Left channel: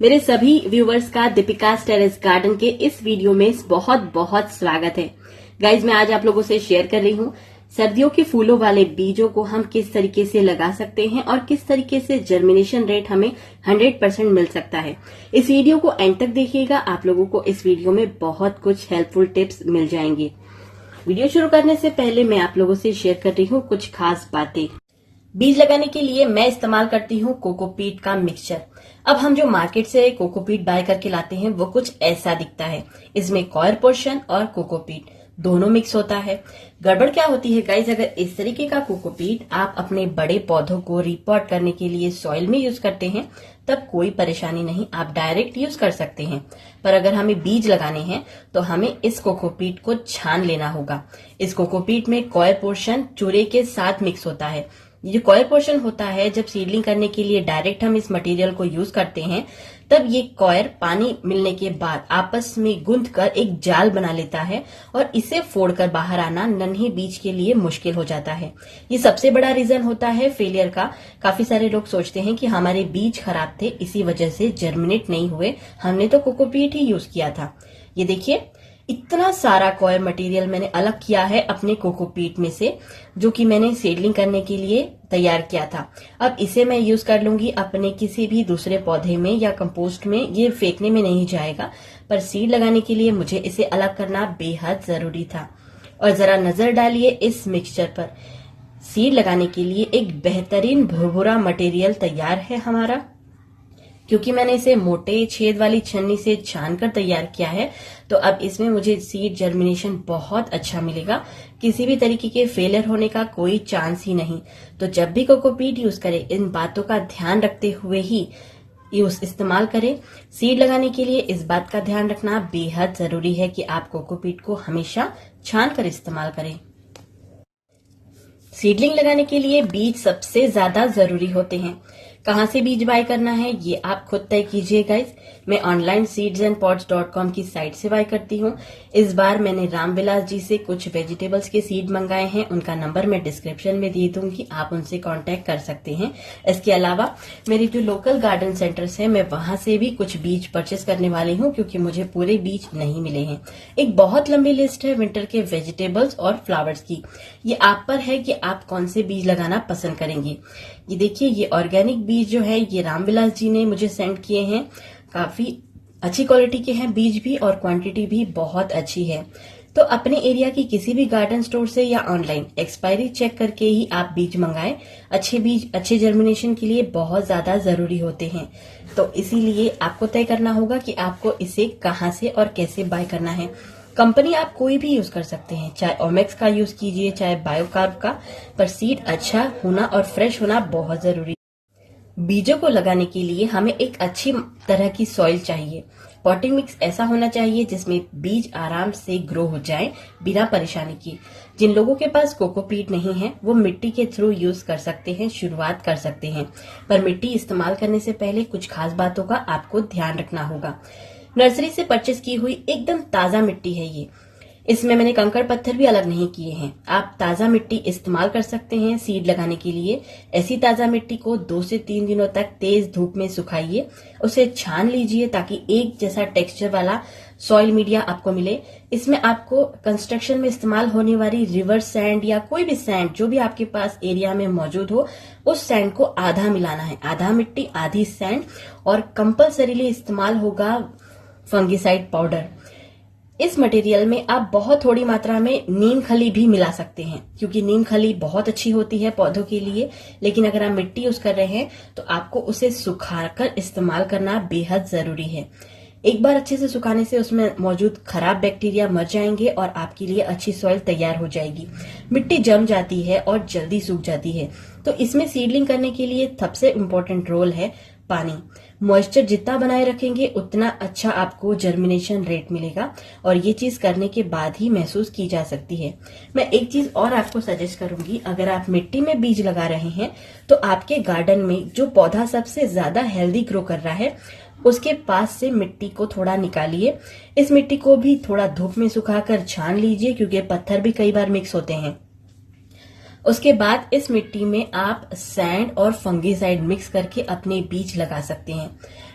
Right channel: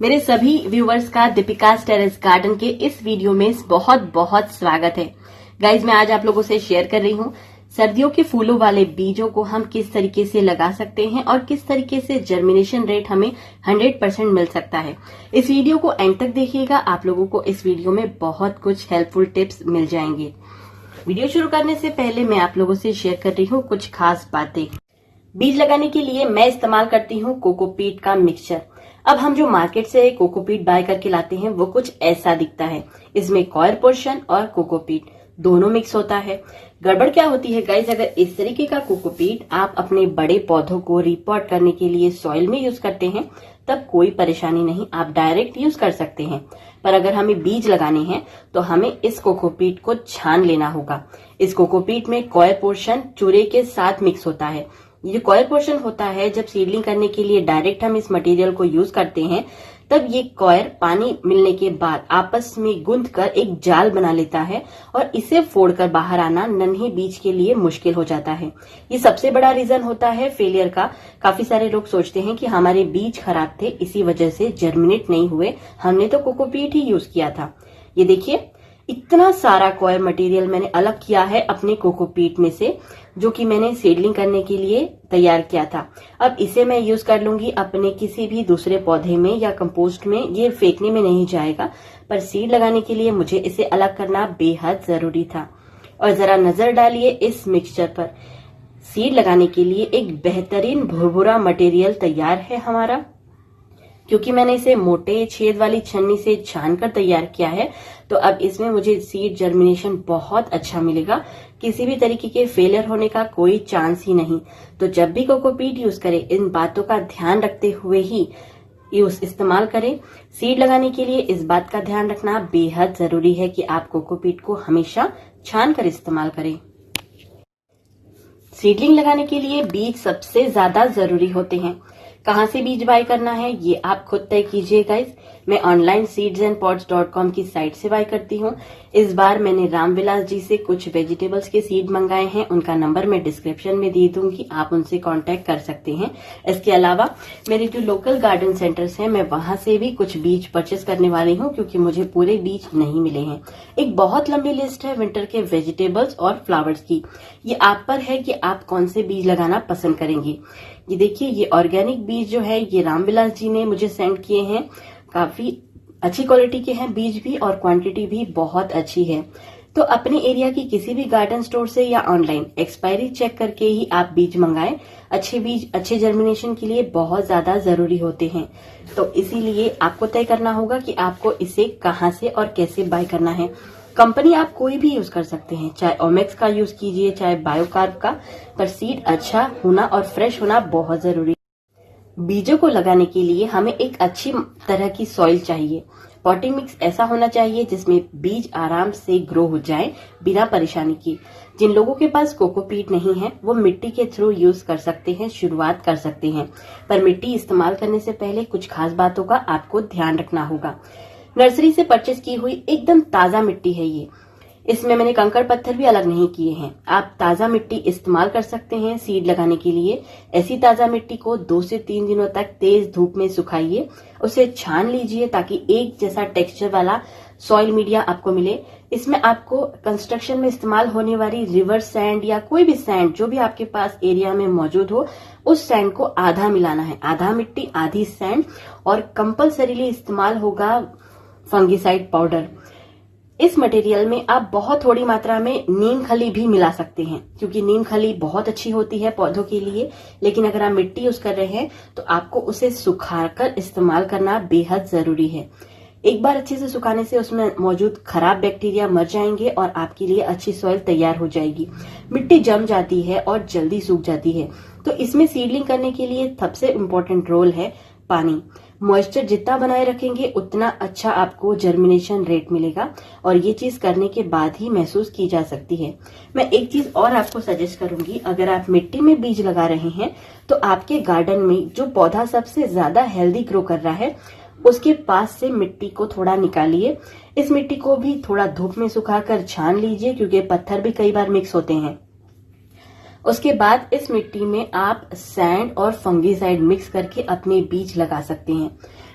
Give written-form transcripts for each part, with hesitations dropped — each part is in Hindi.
मेरे सभी व्यूवर्स का दीपिका टेरेस गार्डन के इस वीडियो में बहुत बहुत स्वागत है। गाइज, मैं आज आप लोगों से शेयर कर रही हूँ सर्दियों के फूलों वाले बीजों को हम किस तरीके से लगा सकते हैं और किस तरीके से जर्मिनेशन रेट हमें 100% मिल सकता है। इस वीडियो को एंड तक देखिएगा, आप लोगों को इस वीडियो में बहुत कुछ हेल्पफुल टिप्स मिल जाएंगे। वीडियो शुरू करने से पहले मैं आप लोगों से शेयर कर रही हूँ कुछ खास बातें। बीज लगाने के लिए मैं इस्तेमाल करती हूँ कोकोपीट का मिक्सचर। अब हम जो मार्केट से कोकोपीट बाय करके लाते हैं वो कुछ ऐसा दिखता है। इसमें कॉयर पोर्शन और कोकोपीट दोनों मिक्स होता है। गड़बड़ क्या होती है गाइस, अगर इस तरीके का कोकोपीट आप अपने बड़े पौधों को रिपॉट करने के लिए सॉइल में यूज करते हैं तब कोई परेशानी नहीं, आप डायरेक्ट यूज कर सकते हैं। पर अगर हमें बीज लगाने हैं तो हमें इस कोकोपीट को छान लेना होगा। इस कोकोपीट में कॉयर पोर्शन चूरे के साथ मिक्स होता है। ये जो कॉयर पोर्शन होता है, जब सीडलिंग करने के लिए डायरेक्ट हम इस मटेरियल को यूज करते हैं तब ये कॉयर पानी मिलने के बाद आपस में गूंथ कर एक जाल बना लेता है और इसे फोड़कर बाहर आना नन्हे बीज के लिए मुश्किल हो जाता है। ये सबसे बड़ा रीजन होता है फेलियर का। काफी सारे लोग सोचते हैं कि हमारे बीज खराब थे, इसी वजह से जर्मिनेट नहीं हुए, हमने तो कोकोपीट ही यूज किया था। ये देखिए, इतना सारा कॉयर मटेरियल मैंने अलग किया है अपने कोकोपीट में से, जो कि मैंने सीडलिंग करने के लिए तैयार किया था। अब इसे मैं यूज कर लूंगी अपने किसी भी दूसरे पौधे में या कंपोस्ट में। ये फेंकने में नहीं जाएगा, पर सीड लगाने के लिए मुझे इसे अलग करना बेहद जरूरी था। और जरा नजर डालिए इस मिक्सचर पर। सीड लगाने के लिए एक बेहतरीन भुरभुरा मटेरियल तैयार है हमारा। क्योंकि मैंने इसे मोटे छेद वाली छन्नी से छान कर तैयार किया है, तो अब इसमें मुझे सीड जर्मिनेशन बहुत अच्छा मिलेगा। किसी भी तरीके के फेलियर होने का कोई चांस ही नहीं। तो जब भी कोकोपीट यूज करें, इन बातों का ध्यान रखते हुए ही इस्तेमाल करें। सीड लगाने के लिए इस बात का ध्यान रखना बेहद जरूरी है कि आप कोकोपीट को हमेशा छान कर इस्तेमाल करें। सीडलिंग लगाने के लिए बीज सबसे ज्यादा जरूरी होते हैं। कहाँ से बीज बाय करना है ये आप खुद तय कीजिए गाइस। मैं ऑनलाइन seedsandpots.com की साइट से बाय करती हूँ। इस बार मैंने रामविलास जी से कुछ वेजिटेबल्स के सीड मंगाए हैं। उनका नंबर मैं डिस्क्रिप्शन में दे दूंगी, आप उनसे कांटेक्ट कर सकते हैं। इसके अलावा मेरे जो लोकल गार्डन सेंटर्स हैं, मैं वहां से भी कुछ बीज परचेस करने वाली हूँ, क्योंकि मुझे पूरे बीज नहीं मिले हैं। एक बहुत लंबी लिस्ट है विंटर के वेजिटेबल्स और फ्लावर्स की। ये आप पर है कि आप कौन से बीज लगाना पसंद करेंगे। ये देखिए, ये ऑर्गेनिक बीज जो है ये रामविलास जी ने मुझे सेंड किए हैं। काफी अच्छी क्वालिटी के हैं बीज भी, और क्वांटिटी भी बहुत अच्छी है। तो अपने एरिया की किसी भी गार्डन स्टोर से या ऑनलाइन एक्सपायरी चेक करके ही आप बीज मंगाएं। अच्छे बीज अच्छे जर्मिनेशन के लिए बहुत ज्यादा जरूरी होते हैं। तो इसीलिए आपको तय करना होगा कि आपको इसे कहाँ से और कैसे बाय करना है। कंपनी आप कोई भी यूज कर सकते हैं, चाहे ओमेक्स का यूज कीजिए चाहे बायोकार्ब का, पर सीड अच्छा होना और फ्रेश होना बहुत जरूरी है। बीजों को लगाने के लिए हमें एक अच्छी तरह की सॉइल चाहिए। पॉटिंग मिक्स ऐसा होना चाहिए जिसमें बीज आराम से ग्रो हो जाए बिना परेशानी की। जिन लोगों के पास कोकोपीट नहीं है वो मिट्टी के थ्रू यूज कर सकते हैं, शुरुआत कर सकते हैं। पर मिट्टी इस्तेमाल करने से पहले कुछ खास बातों का आपको ध्यान रखना होगा। नर्सरी से परचेस की हुई एकदम ताजा मिट्टी है ये। इसमें मैंने कंकड़ पत्थर भी अलग नहीं किए हैं। आप ताजा मिट्टी इस्तेमाल कर सकते हैं सीड लगाने के लिए। ऐसी ताजा मिट्टी को 2 से 3 दिनों तक तेज धूप में सुखाइए, उसे छान लीजिए ताकि एक जैसा टेक्सचर वाला सॉइल मीडिया आपको मिले। इसमें आपको कंस्ट्रक्शन में इस्तेमाल होने वाली रिवर सैंड या कोई भी सैंड जो भी आपके पास एरिया में मौजूद हो, उस सैंड को आधा मिलाना है, आधा मिट्टी आधी सैंड। और कंपल्सरीली इस्तेमाल होगा फंगिसाइड पाउडर। इस मटेरियल में आप बहुत थोड़ी मात्रा में नीम खली भी मिला सकते हैं, क्योंकि नीम खली बहुत अच्छी होती है पौधों के लिए। लेकिन अगर आप मिट्टी यूज कर रहे हैं तो आपको उसे सुखाकर इस्तेमाल करना बेहद जरूरी है। एक बार अच्छे से सुखाने से उसमें मौजूद खराब बैक्टीरिया मर जाएंगे और आपके लिए अच्छी सॉइल तैयार हो जाएगी। मिट्टी जम जाती है और जल्दी सूख जाती है, तो इसमें सीडलिंग करने के लिए सबसे इम्पोर्टेंट रोल है पानी। मॉइस्चर जितना बनाए रखेंगे उतना अच्छा आपको जर्मिनेशन रेट मिलेगा, और ये चीज करने के बाद ही महसूस की जा सकती है। मैं एक चीज और आपको सजेस्ट करूंगी, अगर आप मिट्टी में बीज लगा रहे हैं तो आपके गार्डन में जो पौधा सबसे ज्यादा हेल्दी ग्रो कर रहा है उसके पास से मिट्टी को थोड़ा निकालिए। इस मिट्टी को भी थोड़ा धूप में सुखाकर छान लीजिए, क्योंकि पत्थर भी कई बार मिक्स होते हैं। उसके बाद इस मिट्टी में आप सैंड और फंगीसाइड मिक्स करके अपने बीज लगा सकते हैं।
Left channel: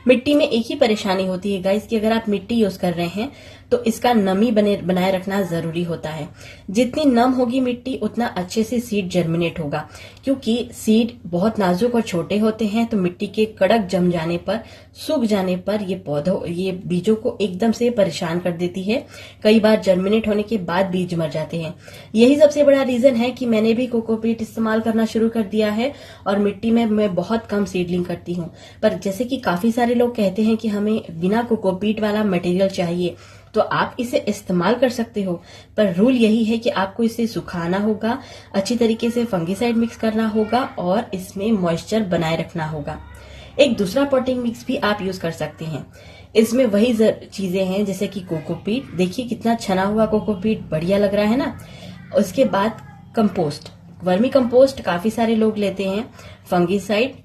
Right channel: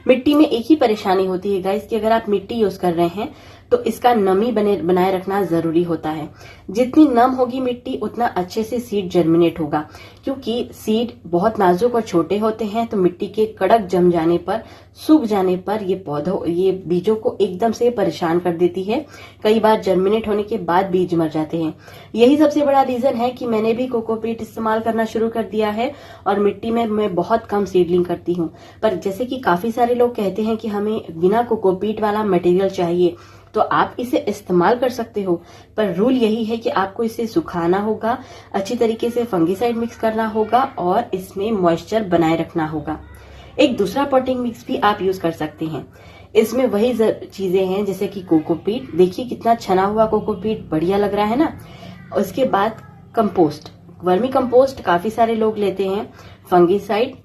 मिट्टी में एक ही परेशानी होती है गाइस कि अगर आप मिट्टी यूज कर रहे हैं तो इसका नमी बनाए रखना जरूरी होता है। जितनी नम होगी मिट्टी उतना अच्छे से सीड जर्मिनेट होगा, क्योंकि सीड बहुत नाजुक और छोटे होते हैं, तो मिट्टी के कड़क जम जाने पर, सूख जाने पर ये बीजों को एकदम से परेशान कर देती है। कई बार जर्मिनेट होने के बाद बीज मर जाते हैं। यही सबसे बड़ा रीजन है कि मैंने भी कोकोपीट इस्तेमाल करना शुरू कर दिया है और मिट्टी में मैं बहुत कम सीडलिंग करती हूँ। पर जैसे कि काफी सारे लोग कहते हैं कि हमें बिना कोकोपीट वाला मटेरियल चाहिए, तो आप इसे इस्तेमाल कर सकते हो, पर रूल यही है कि आपको इसे सुखाना होगा, अच्छी तरीके से फंगीसाइड मिक्स करना होगा और इसमें मॉइस्चर बनाए रखना होगा। एक दूसरा पॉटिंग मिक्स भी आप यूज कर सकते हैं। इसमें वही चीजें हैं जैसे कि कोकोपीट, देखिए कितना छना हुआ कोकोपीट, बढ़िया लग रहा है ना। उसके बाद कंपोस्ट, वर्मी कंपोस्ट काफी सारे लोग लेते हैं, फंगीसाइड,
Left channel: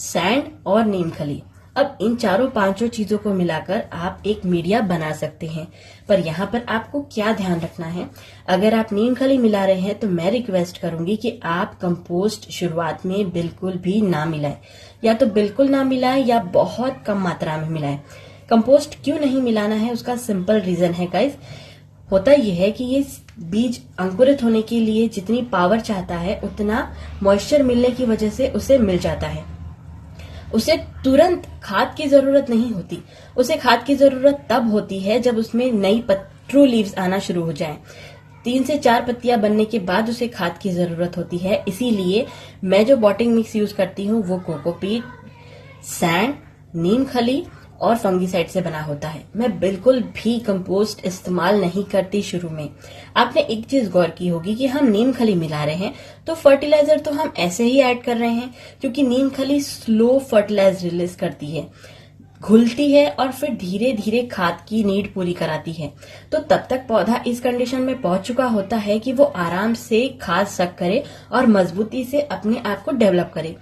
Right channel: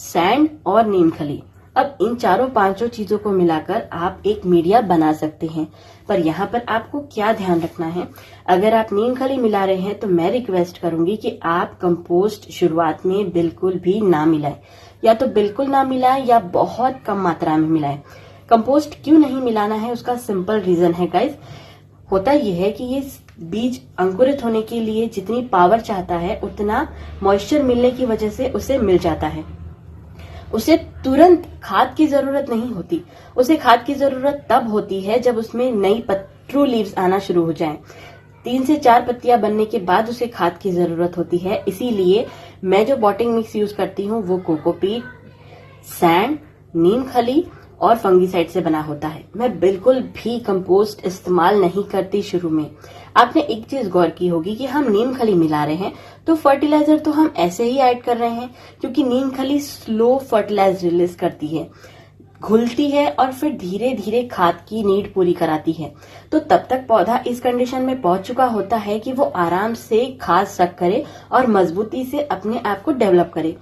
सैंड और नीम खली। अब इन चारों पांचों चीजों को मिलाकर आप एक मीडिया बना सकते हैं। पर यहाँ पर आपको क्या ध्यान रखना है, अगर आप नीम खली मिला रहे हैं तो मैं रिक्वेस्ट करूंगी कि आप कंपोस्ट शुरुआत में बिल्कुल भी ना मिलाएं, या तो बिल्कुल ना मिलाएं या बहुत कम मात्रा में मिलाएं। कंपोस्ट क्यों नहीं मिलाना है उसका सिंपल रीजन है गाइस, होता यह है कि ये बीज अंकुरित होने के लिए जितनी पावर चाहता है उतना मॉइस्चर मिलने की वजह से उसे मिल जाता है। उसे तुरंत खाद की जरूरत नहीं होती, उसे खाद की जरूरत तब होती है जब उसमें नई ट्रू लीव्स आना शुरू हो जाएं। 3 से 4 पत्तियां बनने के बाद उसे खाद की जरूरत होती है। इसीलिए मैं जो पॉटिंग मिक्स यूज करती हूँ वो कोकोपीट, सैंड, नीम खली और फंगीसाइड से बना होता है। मैं बिल्कुल भी कंपोस्ट इस्तेमाल नहीं करती शुरू में। आपने एक चीज गौर की होगी कि हम नीम खली मिला रहे हैं तो फर्टिलाइजर तो हम ऐसे ही ऐड कर रहे हैं, क्योंकि नीम खली स्लो फर्टिलाइजर रिलीज करती है, घुलती है और फिर धीरे धीरे खाद की नीड पूरी कराती है। तो तब तक पौधा इस कंडीशन में पहुंच चुका होता है कि वो आराम से खाद सक करे और मजबूती से अपने आप को डेवलप करे।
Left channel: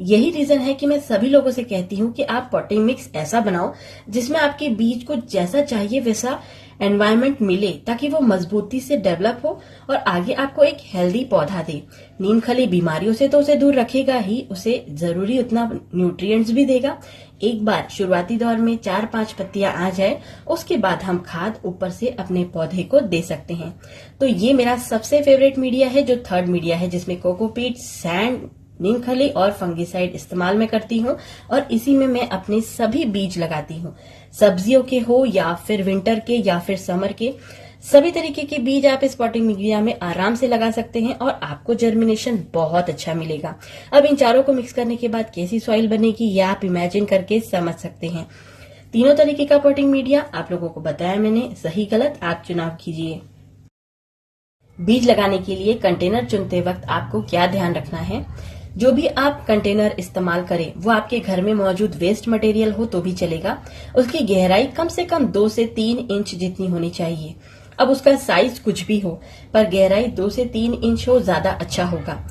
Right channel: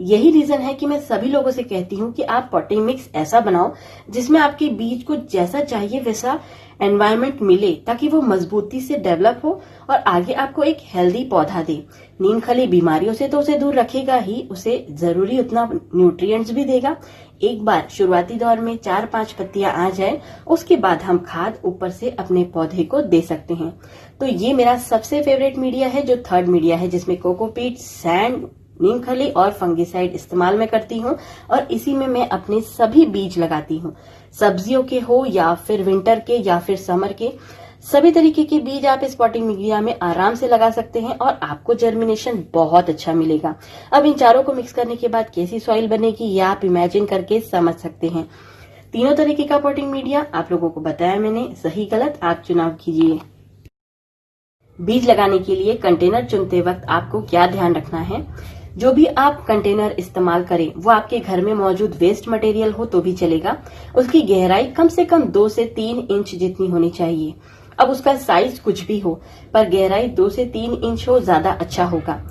यही रीजन है कि मैं सभी लोगों से कहती हूँ कि आप पॉटिंग मिक्स ऐसा बनाओ जिसमें आपके बीज को जैसा चाहिए वैसा एनवायरनमेंट मिले, ताकि वो मजबूती से डेवलप हो और आगे आपको एक हेल्दी पौधा दे। नीम खली बीमारियों से तो उसे दूर रखेगा ही, उसे जरूरी उतना न्यूट्रिएंट्स भी देगा। एक बार शुरुआती दौर में 4-5 पत्तियां आ जाए उसके बाद हम खाद ऊपर से अपने पौधे को दे सकते हैं। तो ये मेरा सबसे फेवरेट मीडिया है, जो थर्ड मीडिया है, जिसमें कोकोपीट, सैंड, नीम खली और फंगीसाइड इस्तेमाल में करती हूँ और इसी में मैं अपने सभी बीज लगाती हूँ। सब्जियों के हो या फिर विंटर के या फिर समर के, सभी तरीके के बीज आप इस पॉटिंग मीडिया में आराम से लगा सकते हैं और आपको जर्मिनेशन बहुत अच्छा मिलेगा। अब इन चारों को मिक्स करने के बाद कैसी सॉइल बनेगी ये आप इमेजिन करके समझ सकते हैं। तीनों तरीके का पॉटिंग मीडिया आप लोगों को बताया मैंने, सही गलत आप चुनाव कीजिए। बीज लगाने के लिए कंटेनर चुनते वक्त आपको क्या ध्यान रखना है, जो भी आप कंटेनर इस्तेमाल करें वो आपके घर में मौजूद वेस्ट मटेरियल हो तो भी चलेगा। उसकी गहराई कम से कम 2 से 3 इंच जितनी होनी चाहिए। अब उसका साइज कुछ भी हो, पर गहराई 2 से 3 इंच हो ज्यादा अच्छा होगा।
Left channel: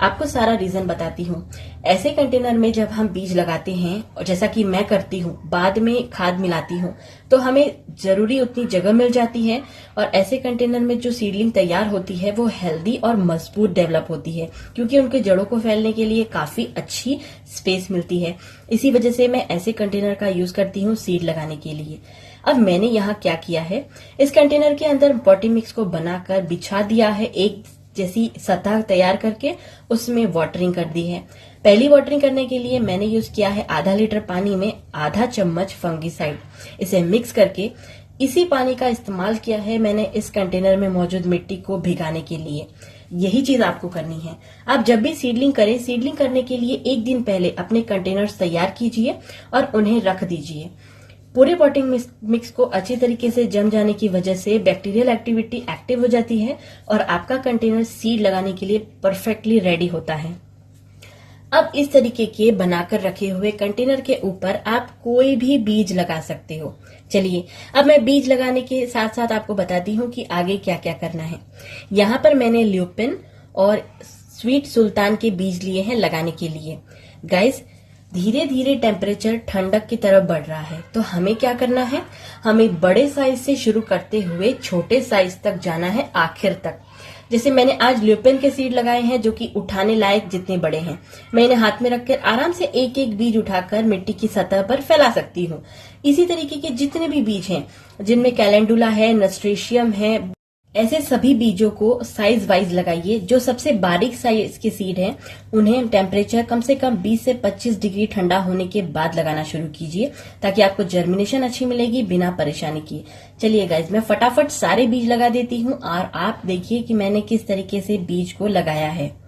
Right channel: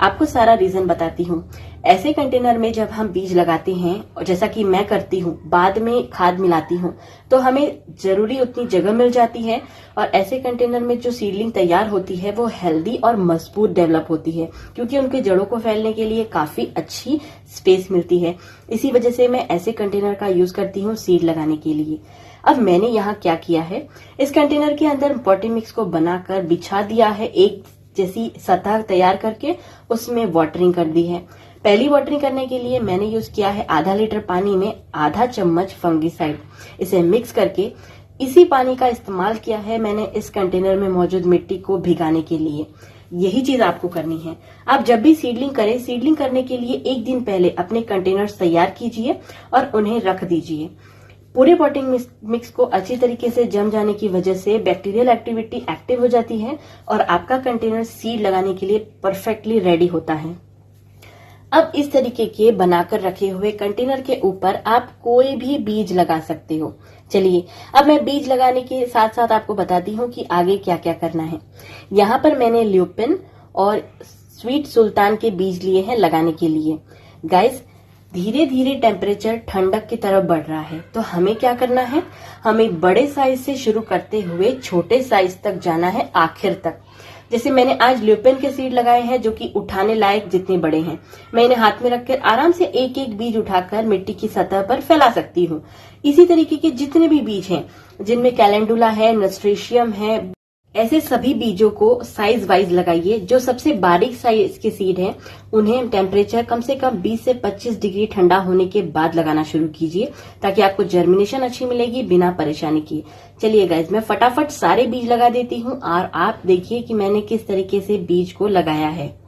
आपको सारा रीजन बताती हूँ। ऐसे कंटेनर में जब हम बीज लगाते हैं और जैसा कि मैं करती हूँ, बाद में खाद मिलाती हूँ, तो हमें जरूरी उतनी जगह मिल जाती है और ऐसे कंटेनर में जो सीडलिंग तैयार होती है वो हेल्दी और मजबूत डेवलप होती है, क्योंकि उनके जड़ों को फैलने के लिए काफी अच्छी स्पेस मिलती है। इसी वजह से मैं ऐसे कंटेनर का यूज करती हूँ सीड लगाने के लिए। अब मैंने यहाँ क्या किया है, इस कंटेनर के अंदर पॉटिंग मिक्स को बनाकर बिछा दिया है, एक जैसी सतह तैयार करके उसमें वाटरिंग कर दी है। पहली वाटरिंग करने के लिए मैंने यूज किया है आधा लीटर पानी में आधा चम्मच फंगीसाइड। इसे मिक्स करके इसी पानी का इस्तेमाल किया है मैंने इस कंटेनर में मौजूद मिट्टी को भिगाने के लिए। यही चीज आपको करनी है। आप जब भी सीडलिंग करें, सीडलिंग करने के लिए एक दिन पहले अपने कंटेनर्स तैयार कीजिए और उन्हें रख दीजिए। पूरे पॉटिंग मिक्स को अच्छी तरीके से जम जाने की वजह से बैक्टीरियल एक्टिविटी एक्टिव हो जाती है और आपका कंटेनर सीड लगाने के लिए परफेक्टली रेडी होता है। अब इस तरीके के बनाकर रखे हुए कंटेनर के ऊपर आप कोई भी बीज लगा सकते हो। चलिए अब मैं बीज लगाने के साथ साथ आपको बताती हूँ कि आगे क्या क्या करना है। यहाँ पर मैंने ल्यूपिन और स्वीट सुल्तान के बीज लिए हैं लगाने के लिए। गाइस, धीरे धीरे टेम्परेचर ठंडक की तरफ बढ़ रहा है, तो हमें क्या करना है, हमें बड़े साइज से शुरू करते हुए छोटे साइज तक जाना है आखिर तक। जैसे मैंने आज ल्यूपिन के सीड लगाए हैं जो कि उठाने लायक जितने बड़े हैं। मैं इन्हें हाथ में रखकर आराम से एक एक बीज उठाकर मिट्टी की सतह पर फैला सकती हूँ। इसी तरीके के जितने भी बीज हैं जिनमें कैलेंडुला है, नस्ट्रेशियम है, ऐसे सभी बीजों को साइज वाइज लगाइए। जो सबसे बारीक साइज के सीड हैं उन्हें टेम्परेचर कम से कम 20 से 25 डिग्री ठंडा होने के बाद लगाना शुरू कीजिए ताकि आपको जर्मिनेशन अच्छी मिलेगी बिना परेशानी किए। चलिए गाइज, मैं फटाफट सारे बीज लगा देती हूँ और आप देखिए कि मैंने किस तरीके से बीज को लगाया है।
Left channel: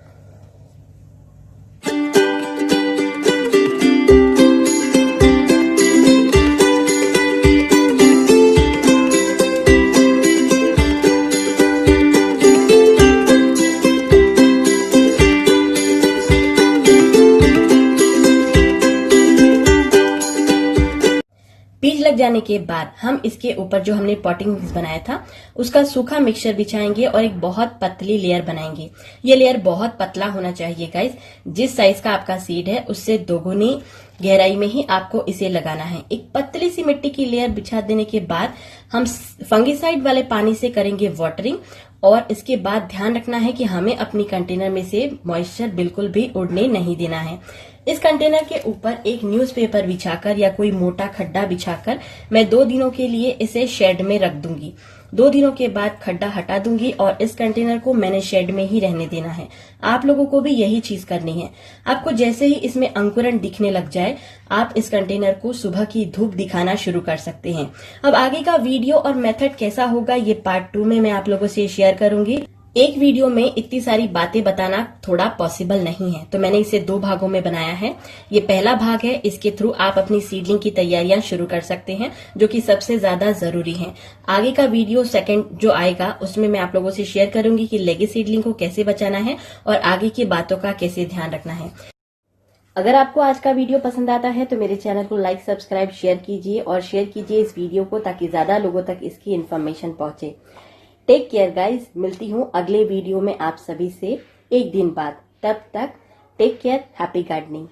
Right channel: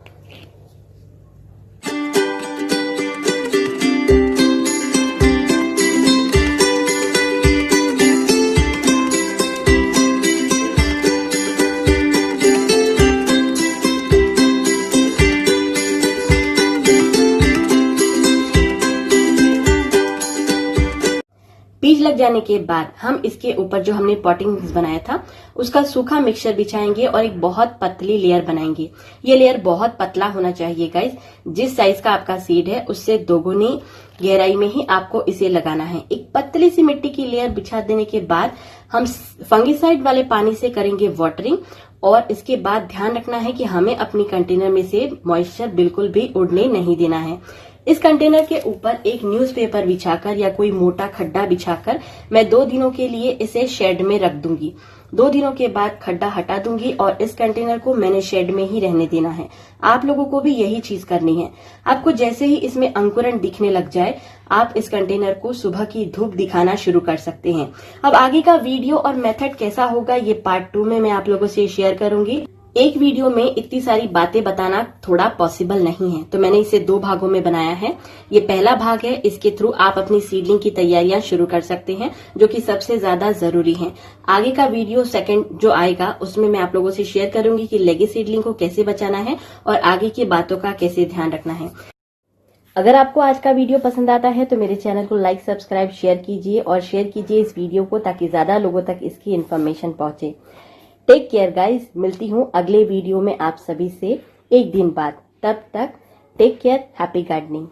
बीज लग जाने के बाद हम इसके ऊपर जो हमने पॉटिंग मिक्स बनाया था उसका सूखा मिक्सचर बिछाएंगे और एक बहुत पतली लेयर बनाएंगे। ये लेयर बहुत पतला होना चाहिए गाइज। जिस साइज का आपका सीड है उससे दोगुनी गहराई में ही आपको इसे लगाना है। एक पतली सी मिट्टी की लेयर बिछा देने के बाद हम फंगिसाइड वाले पानी से करेंगे वाटरिंग और इसके बाद ध्यान रखना है कि हमें अपनी कंटेनर में से मॉइस्चर बिल्कुल भी उड़ने नहीं देना है। इस कंटेनर के ऊपर एक न्यूज़पेपर बिछाकर या कोई मोटा खड्डा बिछाकर मैं 2 दिनों के लिए इसे शेड में रख दूंगी। 2 दिनों के बाद खड्डा हटा दूंगी और इस कंटेनर को मैंने शेड में ही रहने देना है। आप लोगों को भी यही चीज करनी है। आपको जैसे ही इसमें अंकुरण दिखने लग जाए आप इस कंटेनर को सुबह की धूप दिखाना शुरू कर सकते हैं। अब आगे का वीडियो और मेथड कैसा होगा ये पार्ट 2 में मैं आप लोगों से शेयर करूंगी। एक वीडियो में इतनी सारी बातें बताना थोड़ा पॉसिबल नहीं है, तो मैंने इसे 2 भागों में बनाया है। ये पहला भाग है, इसके थ्रू आप अपनी सीडलिंग की तैयारियां शुरू कर सकते हैं जो कि सबसे ज्यादा जरूरी है। आगे का वीडियो सेकंड जो आएगा उसमें मैं आप लोगों से शेयर करूंगी कि लेगी सीडलिंग को कैसे बचाना है और आगे की बातों का कैसे ध्यान रखना है। अगर आपको आज का वीडियो पसंद आता है तो मेरे चैनल को लाइक, सब्सक्राइब, शेयर कीजिए और शेयर कीजिए इस वीडियो को ताकि ज्यादा लोगों तक इसकी इन्फॉर्मेशन पहुंचे। टेक केयर गाइज, मिलती हूँ अगले वीडियो में आप सभी से एक दिन बाद। तब तक टेक केयर, हैप्पी गार्डनिंग।